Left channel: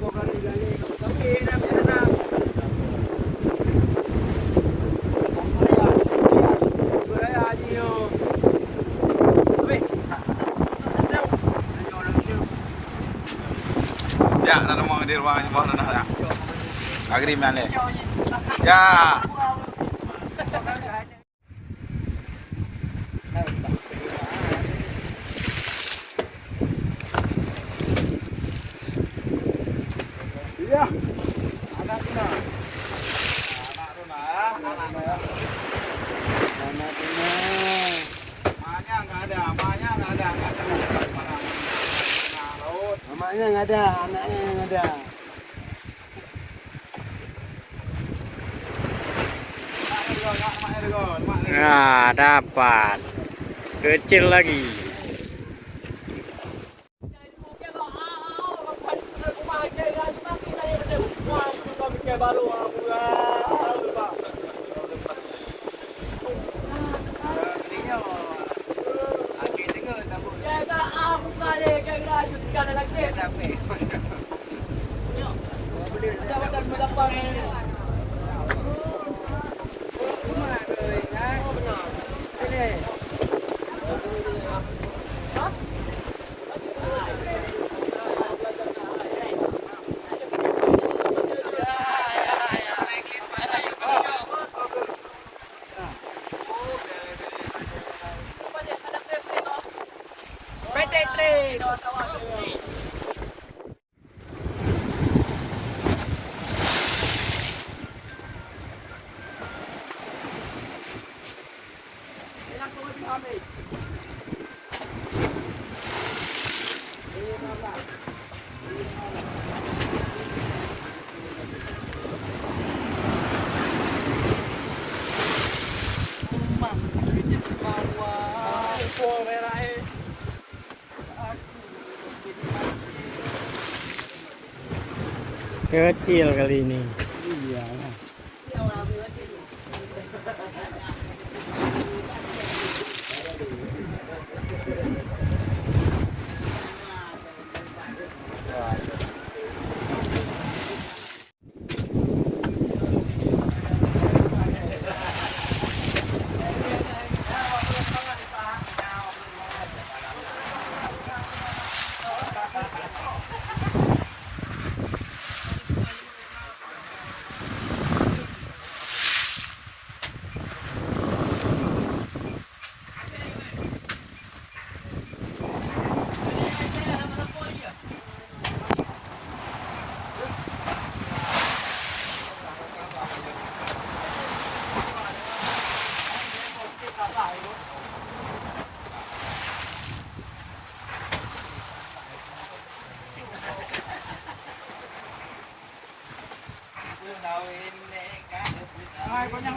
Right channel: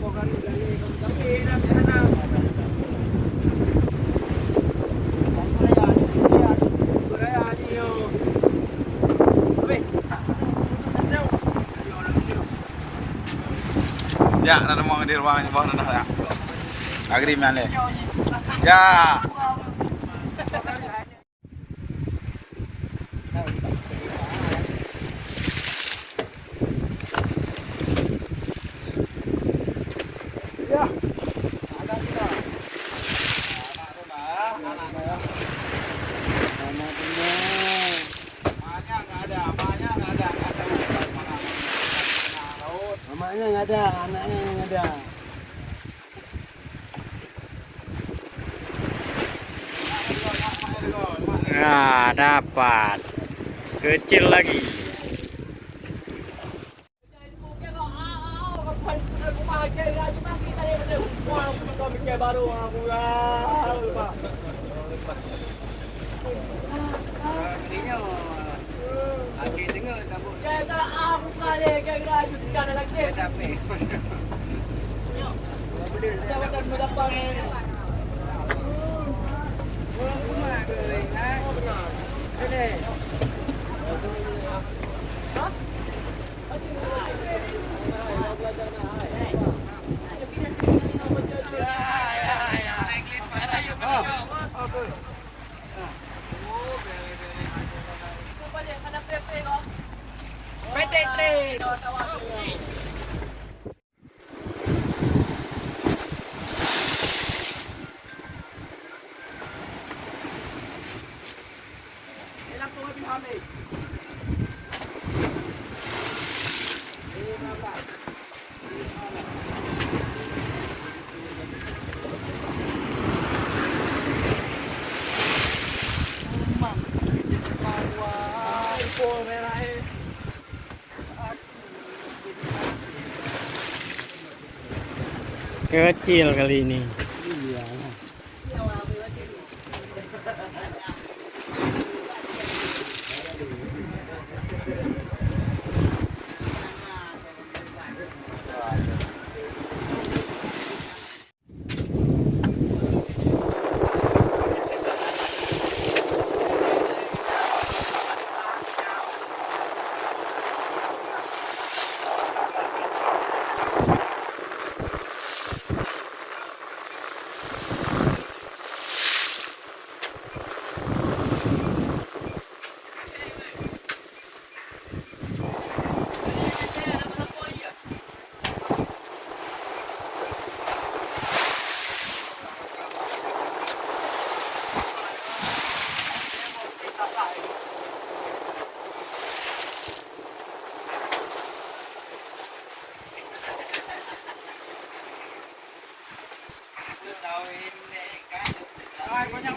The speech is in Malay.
Ya, ada mau di ruangan bawah dah. Agreement le. Ya. Ya. Anak tuna. Anak tuna. Anak tuna. Mamanya enggak ada, mamanya enggak ada, enggak tahu mana. Mamanya enggak ada, anaknya yang ada. Nah, dapat. Kecil lagi. Kecil kali ini. Iya. Banyak